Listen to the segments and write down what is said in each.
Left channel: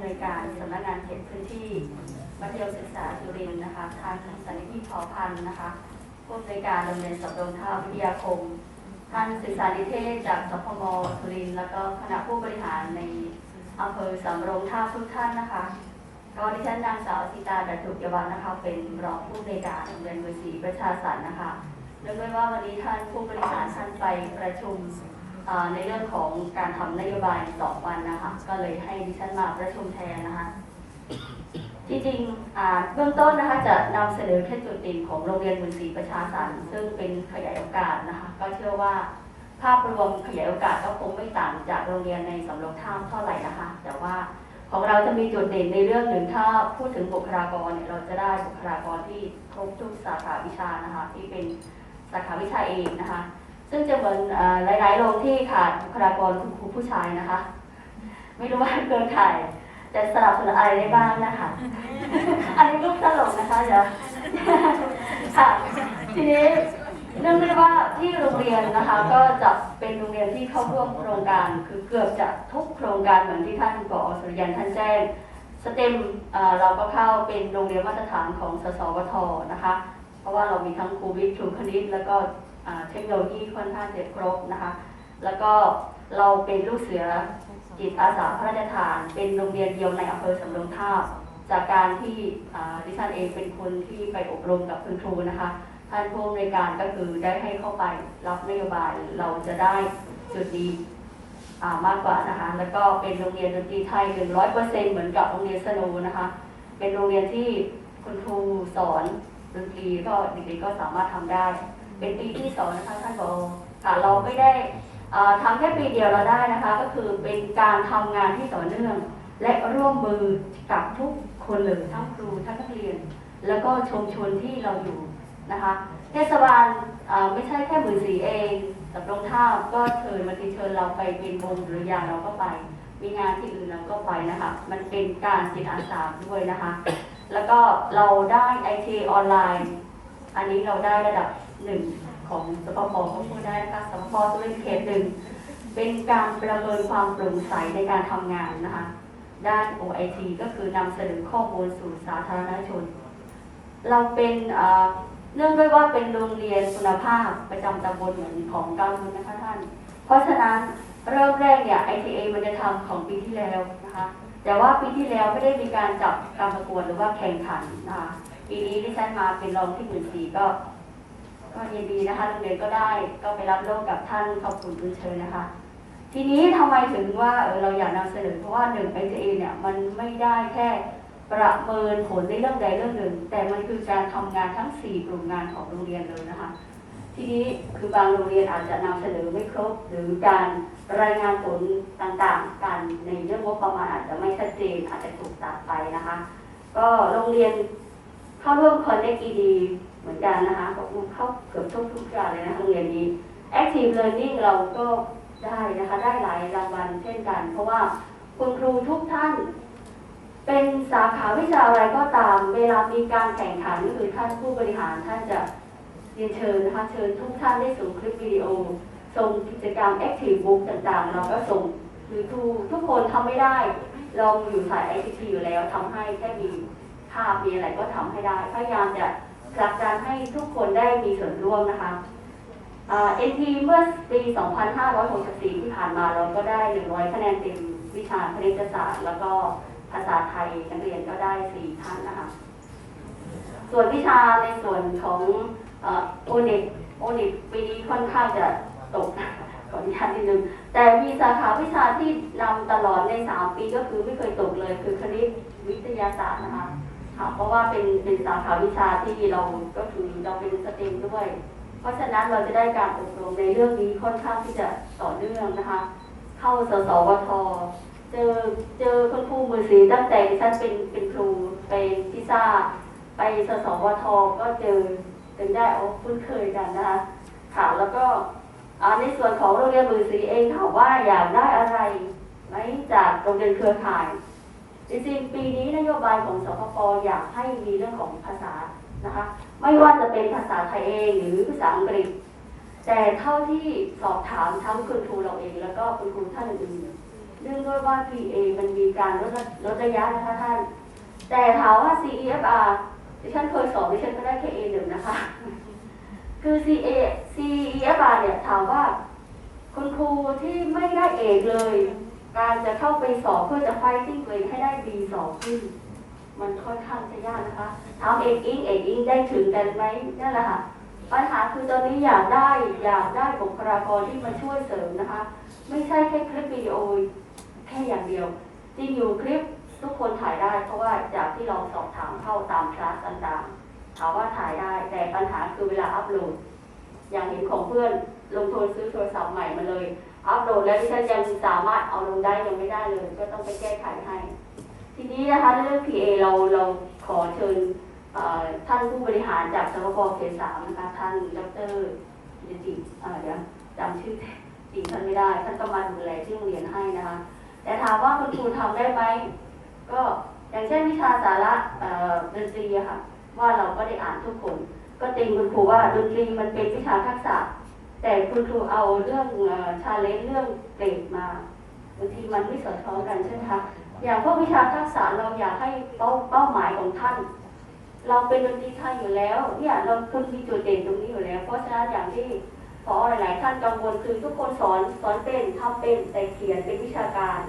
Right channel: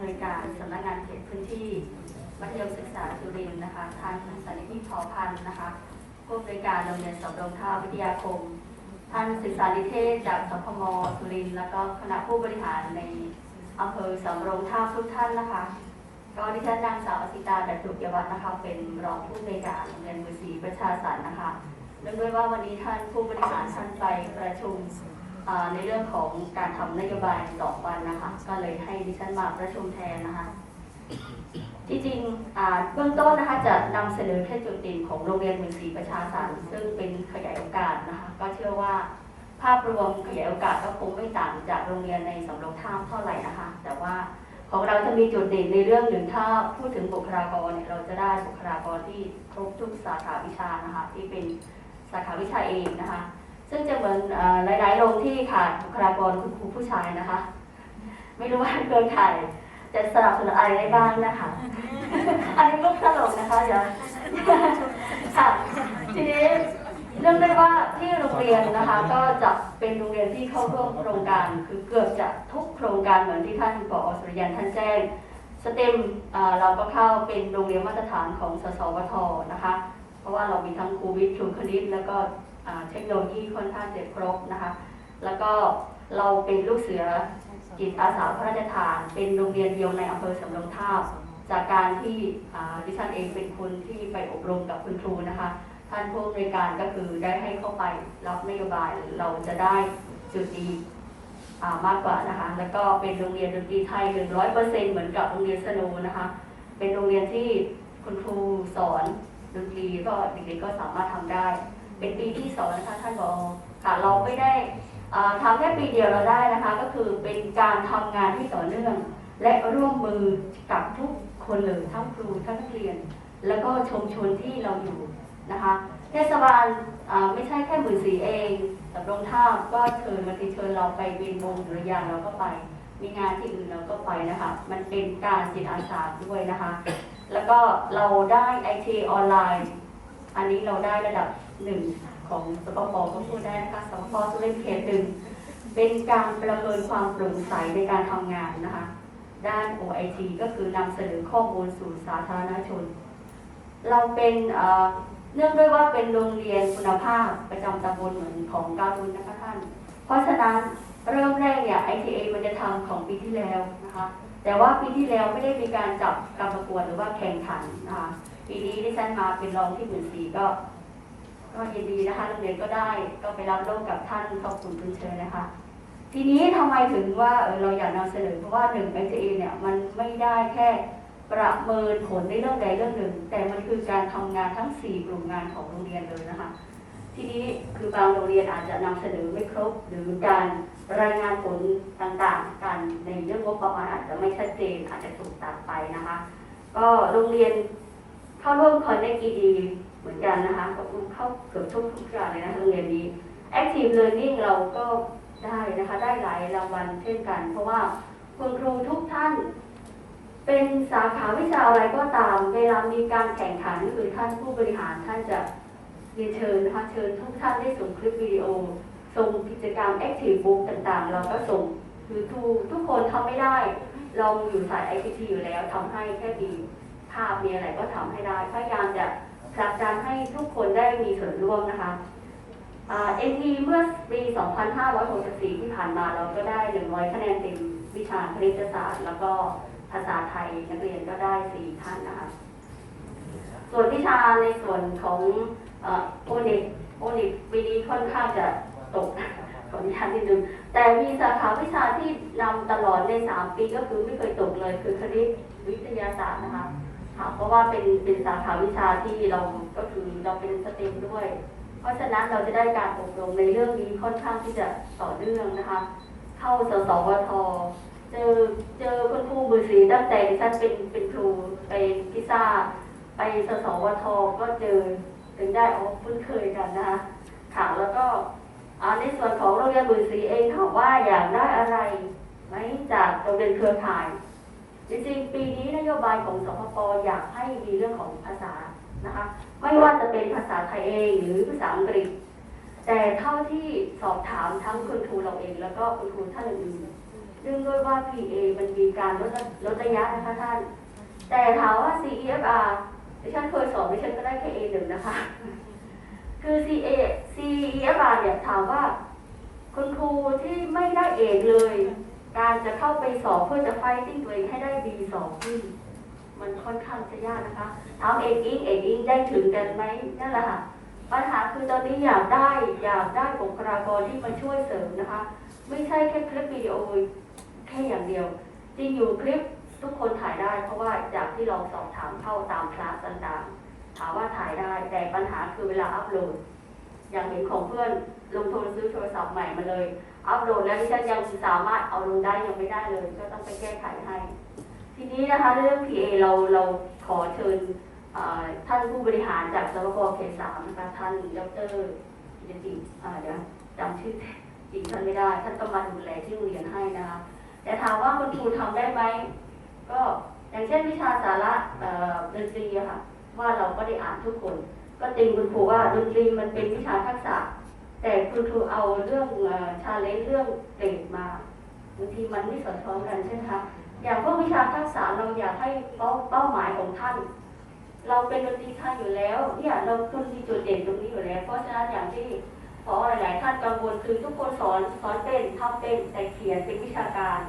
ำนวยการสำนักงานเขตพื้นที่มัธยมศึกษาสุรินนะคะท่านสันนิธิเผ่าพันธ์นะคะผู้อำนวยการโรงเรียนสำโรงท่าวิทยาคมท่านศึกษานิเทศจากสพมสุรินทร์แล้วก็คณะผู้บริหารในอำเภอสำโรงท่าทุกท่านนะคะ ก็ดิฉันนางสาวสิตาดัตถุยวัฒน์นะคะ เป็นรองผู้อำนวยการโรงเรียนมือศีประชาสรรนะคะเนื่องด้วยว่าวันนี้ท่านผู้บริหารท่านไปประชุม ในเรื่องของการทำนโยบายสองวันนะคะ ก็เลยให้ดิฉันมาประชุมแทนนะคะจริงๆเบื้องต้นนะคะจะนำเสนอแค่จุดเด่นของโรงเรียนมือศรีประชาสรรค์ซึ่งเป็นขยายโอกาสนะคะ ก็เชื่อว่าภาพรวมขยายโอกาสก็คงไม่ต่างจากโรงเรียนในสำโรงท่าเท่าไหร่นะคะ แต่ว่าของเราจะมีจุดเด่นในเรื่องหนึ่งถ้าพูดถึงบุคลากรเนี่ยเราจะได้บุคลากรที่ครบทุกสาขาวิชานะคะ ที่เป็นสาขาวิชาเองนะคะ ซึ่งจะเหมือนหลายๆโรงที่ขาดบุคลากรคุณครูผู้ชายนะคะ ไม่รู้ว่าเครือข่ายจะสนับสนุนอะไรได้บ้างนะคะ อันนี้ก็ตลกนะคะเดี๋ยวค่ะทีนี้เรื่องได้ว่าที่โรงเรียนนะคะ ก็จะเป็นโรงเรียนที่เข้าร่วมโครงการ คือเกือบจะทุกโครงการเหมือนที่ท่านผอสุริยันท่านแจ้งสเต็มเราก็เข้าเป็นโรงเรียนมาตรฐานของสสวทนะคะ เพราะว่าเรามีทั้งครูวิทย์ครูคณิตแล้วก็ เทคโนโลยีค่อนข้างเจ็บครบนะคะ แล้วก็เราเป็นลูกเสือจิตอาสาพระราชทาน เป็นโรงเรียนเดียวในอำเภอสำโรงทาบ จากการที่อ่าดิฉันเองเป็นคนที่ไปอบรมกับคุณครูนะคะ ท่านผู้อำนวยการก็คือได้ให้เข้าไปรับนโยบายเราจะได้จุดดีมากกว่านะคะ แล้วก็เป็นโรงเรียนดนตรีไทย100%เปอร์เซ็นเหมือนกับโรงเรียนสโนนะคะ เป็นโรงเรียนที่คุณครูสอนดนตรีก็เด็กๆก็สามารถทำได้ เป็นปีที่สองนะคะท่านบอค่ะเราไม่ได้อ่าทำแค่ปีเดียวเราได้นะคะ ก็คือเป็นการทำงานที่ต่อเนื่อง และร่วมมือกับทุกคนเลยทั้งครูทั้งนักเรียน แล้วก็ชุมชนที่เราอยู่นะคะเทศบาลไม่ใช่แค่หมื่นสีเองสำโรงท่าก็เชิญมาติเชิญเราไปเป็นวงหรืออย่างเราก็ไป มีงานที่อื่นเราก็ไปนะคะ มันเป็นการจิตอาสาด้วยนะคะ แล้วก็เราได้ไอทีออนไลน์ อันนี้เราได้ระดับ หนึ่งของสปปก็พูดได้นะคะสปปสุรินเขตหนึ่งเป็นการประเมินความโปร่งใสในการทำงานนะคะ ด้าน OIT ก็คือนำเสนอข้อมูลสู่สาธารณชน เราเป็นเนื่องด้วยว่าเป็นโรงเรียนคุณภาพประจำตำบลของกาบุญนะคะท่าน เพราะฉะนั้นเริ่มแรกเนี่ย ITA มันจะทำของปีที่แล้วนะคะ แต่ว่าปีที่แล้วไม่ได้มีการจับการประกวดหรือว่าแข่งขันนะคะ ปีนี้ที่ฉันมาเป็นรองที่หมื่นสี่ก็ ก็ยินดีนะคะโรงเรียนก็ได้ก็ไปรับโลกกับท่านขอบคุณคุณเชิญนะคะ ทีนี้ทำไมถึงว่าเราอยากนำเสนอเพราะว่าหนึ่ง ITA เเนี่ยมันไม่ได้แค่ประเมินผลในเรื่องใดเรื่องหนึ่ง แต่มันคือการทำงานทั้ง 4 กลุ่มงานของโรงเรียนเลยนะคะ ทีนี้คือบางโรงเรียนอาจจะนำเสนอไม่ครบ หรือการรายงานผลต่างๆ การในเรื่องงบประมาณอาจจะไม่ชัดเจนอาจจะถูกตัดไปนะคะ ก็โรงเรียน เข้าร่วมคอนเนคดีเหมือนกันนะคะก็เข้าเกือบทุกทุกอย่างเลยนะโรงเรียนนี้ Active Learning เราก็ได้นะคะ ได้หลายรางวัลเช่นกัน เพราะว่าคุณครูทุกท่าน เป็นสาขาวิชาอะไรก็ตาม เวลามีการแข่งขันคือท่านผู้บริหารท่านจะเรียนเชิญนะคะเชิญทุกท่านได้ส่งคลิปวิดีโอส่งกิจกรรม Active Book ต่างๆ เราก็ส่งคือทุกทุกคนทำไม่ได้ เราอยู่สาย ICT อยู่แล้วทำให้แค่มี ภาพมีอะไรก็ทำให้ได้ พยายามจะผลักดันให้ทุกคนได้มีส่วนร่วมนะคะเอ็นทีเมื่อปี 2564 ที่ผ่านมาเราก็ได้ 100 คะแนนเต็มวิชาคณิตศาสตร์ แล้วก็ภาษาไทยนักเรียนก็ได้ 4 ท่านนะคะ ส่วนวิชาในส่วนของโอเน็กโอเน็กปีนี้ค่อนข้างจะตกขออนุญาตนิดนึง แต่มีสาขาวิชาที่นำตลอดใน 3 ปีก็คือไม่เคยตกเลย คือคณิตวิทยาศาสตร์นะคะ ค่ะเพราะว่าเป็นเป็นสาขาวิชาที่เราก็คือเราเป็นสเตรีมด้วย เพราะฉะนั้นเราจะได้การอบรมในเรื่องนี้ค่อนข้างที่จะต่อเนื่องนะคะ เข้าสสวทเจอเจอคุณครูมือสีตั้งแต่ดิฉันเป็นเป็นครูไปพิซซ่าไปสสวทก็เจอถึงได้ออกคุ้นเคยกันนะคะค่ะแล้วก็อ่าในส่วนของโรงเรียนมือสีเองถามว่าอยากได้อะไรไหมจากโรงเรียนเครือข่าย จริงๆ ปีนี้นโยบายของสพปอยากให้มีเรื่องของภาษานะคะ ไม่ว่าจะเป็นภาษาไทยเองหรือภาษาอังกฤษ แต่เท่าที่สอบถามทั้งคุณครูเราเองแล้วก็คุณครูท่านอื่นเรื่องด้วยว่า PA มันมีการลดระลดระยะนะคะท่าน แต่ถามว่า CEFR ดิฉันเคยสอบดิฉันก็ได้แค่ A หนึ่งนะคะ คือ CA CEFR เนี่ยถามว่า คุณครูที่ไม่ได้เอกเลย การจะเข้าไปสอบเพื่อจะไฟติ้งตัวเองให้ได้ B สองขึ้น มันค่อนข้างจะยากนะคะถามเอกอิงเอกอิงได้ถึงกันไหมนั่นแหละค่ะปัญหาคือตอนนี้อยากได้อยากได้บุคลากรที่มาช่วยเสริมนะคะ ไม่ใช่แค่คลิปวิดีโอแค่อย่างเดียว จริงอยู่คลิปทุกคนถ่ายได้เพราะว่าจากที่เราสอบถามเข้าตามคลาสต่างๆถามว่าถ่ายได้แต่ปัญหาคือเวลาอัพโหลด อย่างเห็นของเพื่อนลงทุนซื้อโทรศัพท์ใหม่มาเลยอัพโหลดแล้วที่ฉันยังสามารถเอาลงได้ยังไม่ได้เลย ก็ต้องไปแก้ไขให้ ทีนี้นะคะเรื่อง PA เราเราขอเชิญท่านผู้บริหารจากสมกเขตสามนะคะท่านดรเดี๋ยวจริงเอ่อเดี๋ยวจำชื่อจริงท่านไม่ได้ ท่านก็มาดูแลที่โรงเรียนให้นะคะ แต่ถามว่าคุณครูทำได้ไหมก็อย่างเช่นวิชาสาระดนตรีค่ะว่าเราก็ได้อ่านทุกคน ก็ติงคุณครูว่าดนตรีมันเป็นวิชาทักษะ แต่คุณครูเอาเรื่องชาเลนจ์เรื่องเกรดมาบางทีมันไม่สอดคล้องกันใช่ไหมคะอย่างพวกวิชาทักษะเราอยากให้เป้าเป้าหมายของท่าน เราเป็นดนตรีไทยอยู่แล้วเนี่ยเราคุณมีจุดเด่นตรงนี้อยู่แล้ว เพราะฉะนั้นอย่างที่พอหลายท่านกังวลคือทุกคนสอนสอนเต้นทำเต้นแต่เขียนเป็นวิชาการ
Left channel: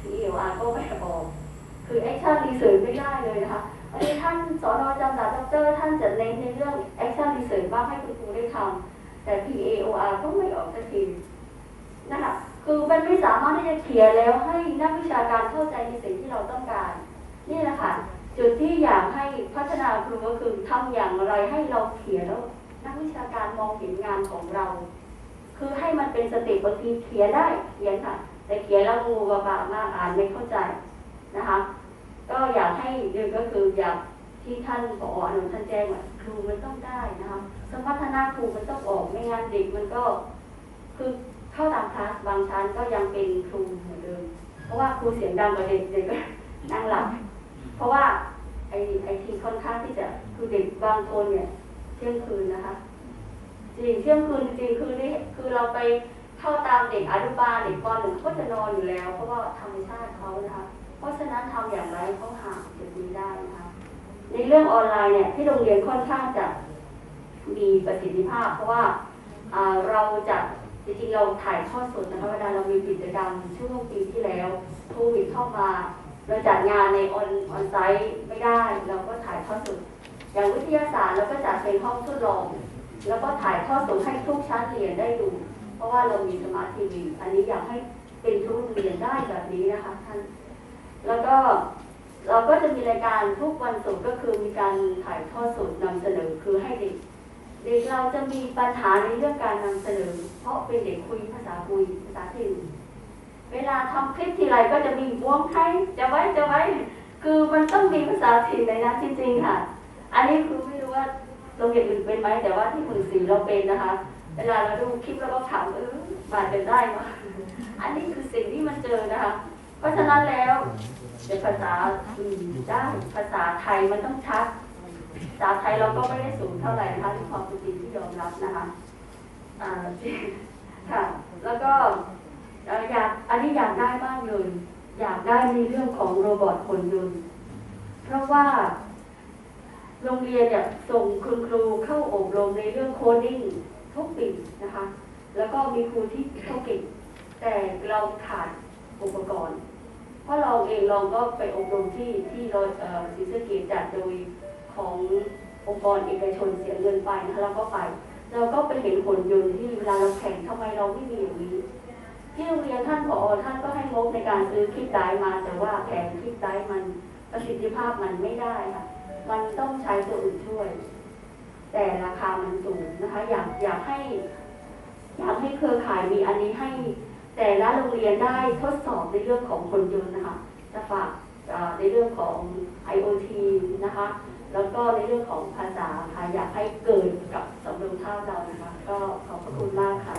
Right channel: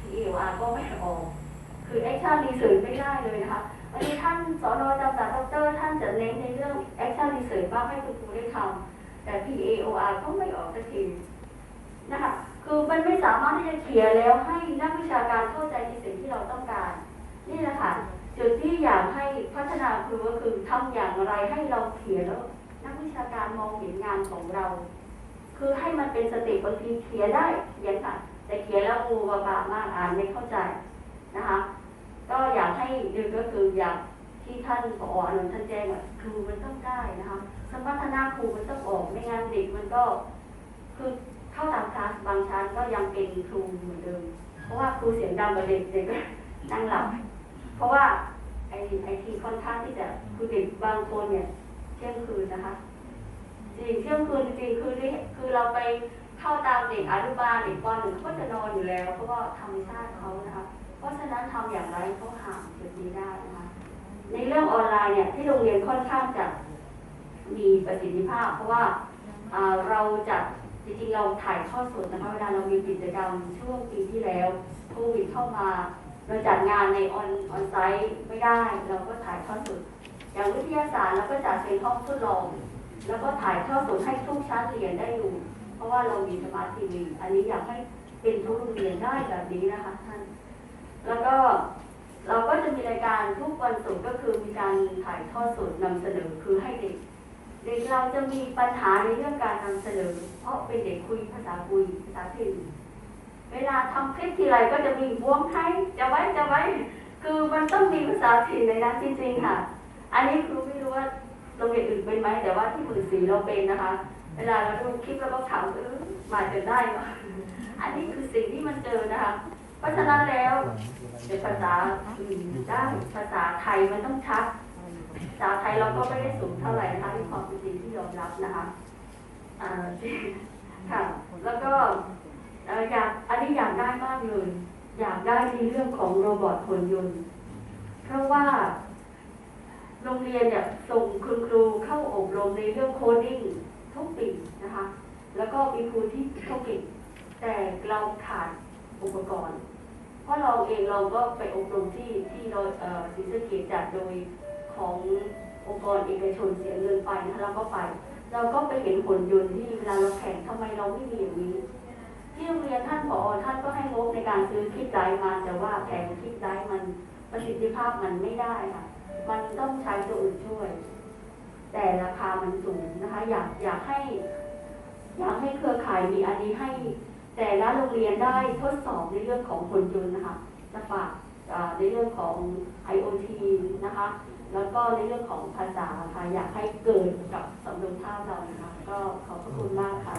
ทีเออาก็ไม่บอก คือแอคชั่นรีเสิร์ชไม่ได้เลยนะคะอันนี้ท่านสอนอจำศาสตร์ดอกเตอร์ท่านจะเน้นในเรื่องแอคชั่นรีเสิร์ชบ้างให้คุณครูได้ทำ แต่ PAOR ก็ไม่ออกสักทีนะคะคือมันไม่สามารถที่จะเขียนแล้วให้นักวิชาการเข้าใจในสิ่งที่เราต้องการ นี่แหละค่ะจุดที่อยากให้พัฒนาครูก็คือทำอย่างไรให้เราเขียนแล้วนักวิชาการมองเห็นงานของเรา คือให้มันเป็นสติบางทีเขียนได้เขียนค่ะ แต่เขียนแล้วงูกระบามากอ่านไม่เข้าใจนะคะ ก็อยากให้ดึงก็คืออยาก ที่ท่านผออนุท่านแจ้งครูมันต้องได้นะคะสมรรถนะครูมันต้องออกไม่งั้นเด็กมันก็คือเข้าตามคลาสบางชั้นก็ยังเป็นครูเหมือนเดิมเพราะว่าครูเสียงดังกว่าเด็กเด็กก็นั่งหลับเพราะว่าไอ้ไอ้ทีค่อนข้างที่จะคือเด็กบางคนเนี่ยเที่ยงคืนนะคะจริงเที่ยงคืนจริงคือนี่คือเราไปเข้าตามเด็กอนุบาลเด็กปหนึ่งก็จะนอนอยู่แล้ว เพราะว่าธรรมชาติเขานะคะ เพราะฉะนั้นทำอย่างไรเขาห่างจุดนี้ได้นะคะ ในเรื่องออนไลน์เนี่ยที่โรงเรียนค่อนข้างจะมีประสิทธิภาพ เพราะว่าเราจะจริงๆเราถ่ายทอดสดนะคะเวลาเรามีกิจกรรมช่วงปีที่แล้วโควิดเข้ามาเราจัดงานในออนออนไซต์ไม่ได้ เราก็ถ่ายทอดสดอย่างวิทยาศาสตร์เราก็จัดเป็นห้องทดลอง แล้วก็ถ่ายทอดสดให้ทุกชั้นเรียนได้ดู เพราะว่าเรามีสมาร์ททีวีอันนี้อยากให้เป็นทุกเรียนได้แบบนี้นะคะท่านแล้วก็ เราก็จะมีรายการทุกวันศุกร์ก็คือมีการถ่ายทอดสดนำเสนอคือให้เด็กเด็กเราจะมีปัญหาในเรื่องการนำเสนอ เพราะเป็นเด็กคุยภาษาคุยภาษาถิ่นเวลาทำคลิปทีไรก็จะมีวงไทยจะไว้จะไว้ คือมันต้องมีภาษาถิ่นในนั้นจริงๆค่ะ อันนี้คือไม่รู้ว่าโรงเรียนอื่นเป็นไหมแต่ว่าที่มือสีเราเป็นนะคะ เวลาเราดูคลิปแล้วก็ถามเออมาเป็นได้ไหมอันนี้คือสิ่งที่มันเจอนะคะ เพราะฉะนั้นแล้วเป็นภาษาอื่นได้ภาษาไทยมันต้องชัดภาษาไทยเราก็ไม่ได้สูงเท่าไหร่นะคะที่ความเป็นจริงที่ยอมรับนะคะค่ะแล้วก็อยากอันนี้อยากได้มากเลยอยากได้ในเรื่องของโรบอทหุ่นยนต์ เพราะว่า โรงเรียนเนี่ยส่งคุณครูเข้าอบรมในเรื่องโคดิ้งทุกปีนะคะ แล้วก็มีครูที่เขาเก่งแต่เราขาดอุปกรณ์ ราะเราเองเราก็ไปอบรมที่ที่โดยเอ่อศรีสะเกษจัดโดยขององค์กรเอกชนเสียเงินไปนะคะเราก็ไป เราก็ไปเห็นผลยนต์ที่เวลาเราแข่งทำไมเราไม่มีอย่างนี้ ที่โรงเรียนท่านผอท่านก็ให้งบในการซื้อคลิปไดร์มาแต่ว่าแผงคลิปไดร์มันประสิทธิภาพมันไม่ได้ค่ะ มันต้องใช้ตัวอื่นช่วย แต่ราคามันสูงนะคะ อยากอยากให้ อยากให้เครือข่ายมีอันนี้ให้ แต่ละโรงเรียนได้ทดสอบในเรื่องของผลยนต์นะคะจะฝากในเรื่องของ IoT นะคะแล้วก็ในเรื่องของภาษาค่ะอยากให้เกิดกับสำนวนภาพเรานะคะก็ขอบพระคุณมากค่ะ